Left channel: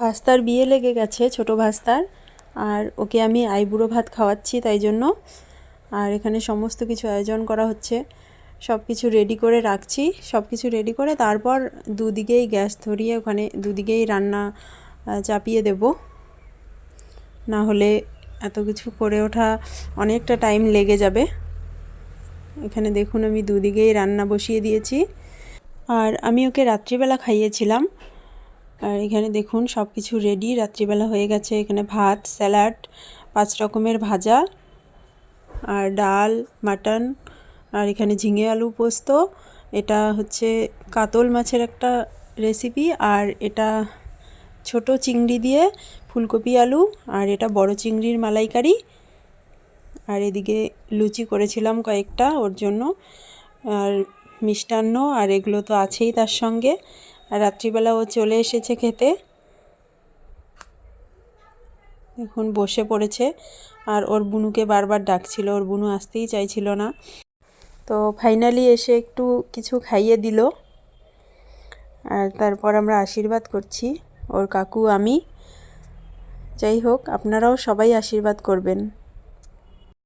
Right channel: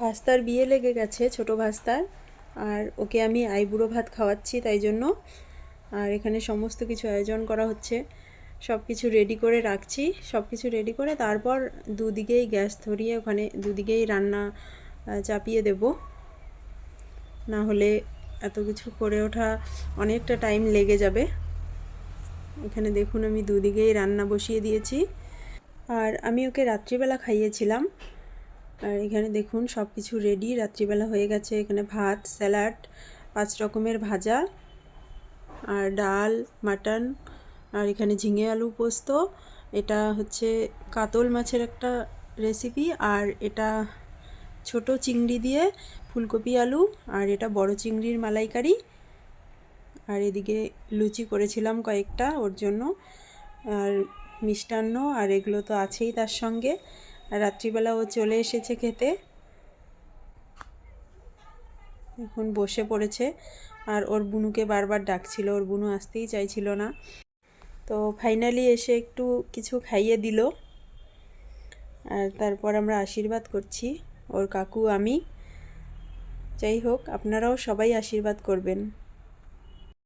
ভাস্তার বিয়ে লেগে গেছে, ছোট ভাস্তার। আর ওকে আমি আইবুড়ো ভাত খাওয়াচ্ছি তাই জন্য। আর এখানে সমস্ত কিছু আয়োজন করা হচ্ছে, সব কিছু রেডি করে রাখছি। সব কিছু রেডি করে তারপর দুদিকেই গ্যাস ধরিয়ে ওখানে দুদিকেই রান্না চাপিয়ে দেব, না হলে এত কিছু করে ওঠা অনেকটা টাইম লেগে যাবে। এখানে দেখুন আমি দুদিকেই রান্না বসিয়ে দিয়েছি। আর আমি ওকে রাত্রিবেলা খাইয়েছিলাম। আর এখানে দেখুন সব কিছু রেডি, রাত্রিবেলা হয়ে গেছে। এখানে ভাত, স্যালাড, 5 রকমের ভাজা, আর ডাল, মাটন, আর এখানে ঝিঙে আলু পোস্ত। এটা হচ্ছে কাতল মাছের একটা রেসিপি, আর এটা ছোট চিংড়ি দিয়ে ফুলকপি আলু, আর এটা বড় চিংড়ির মালাইকারি। আর এদিকে লুচি করেছিলাম কয়েকটা ওর জন্য, আর মিষ্টান্ন, আর এগুলো তো আছেই তার সঙ্গে। আর রাত্রিবেলা ও চলে এসেছে খেতে, এখন বসে পড়েছে। আর ওর বুনুকে বারবার ডাকছিল, ওর বুনু আসতেই চাইছিল না। তো ফাইনালি এসে একটু কিছু খাইয়ে দিল। আর তারপর আমরা আশীর্বাদ করছি, ওর কাকু, আমি। যাই হোক, আপনারাও সবাই আশীর্বাদ করবেন।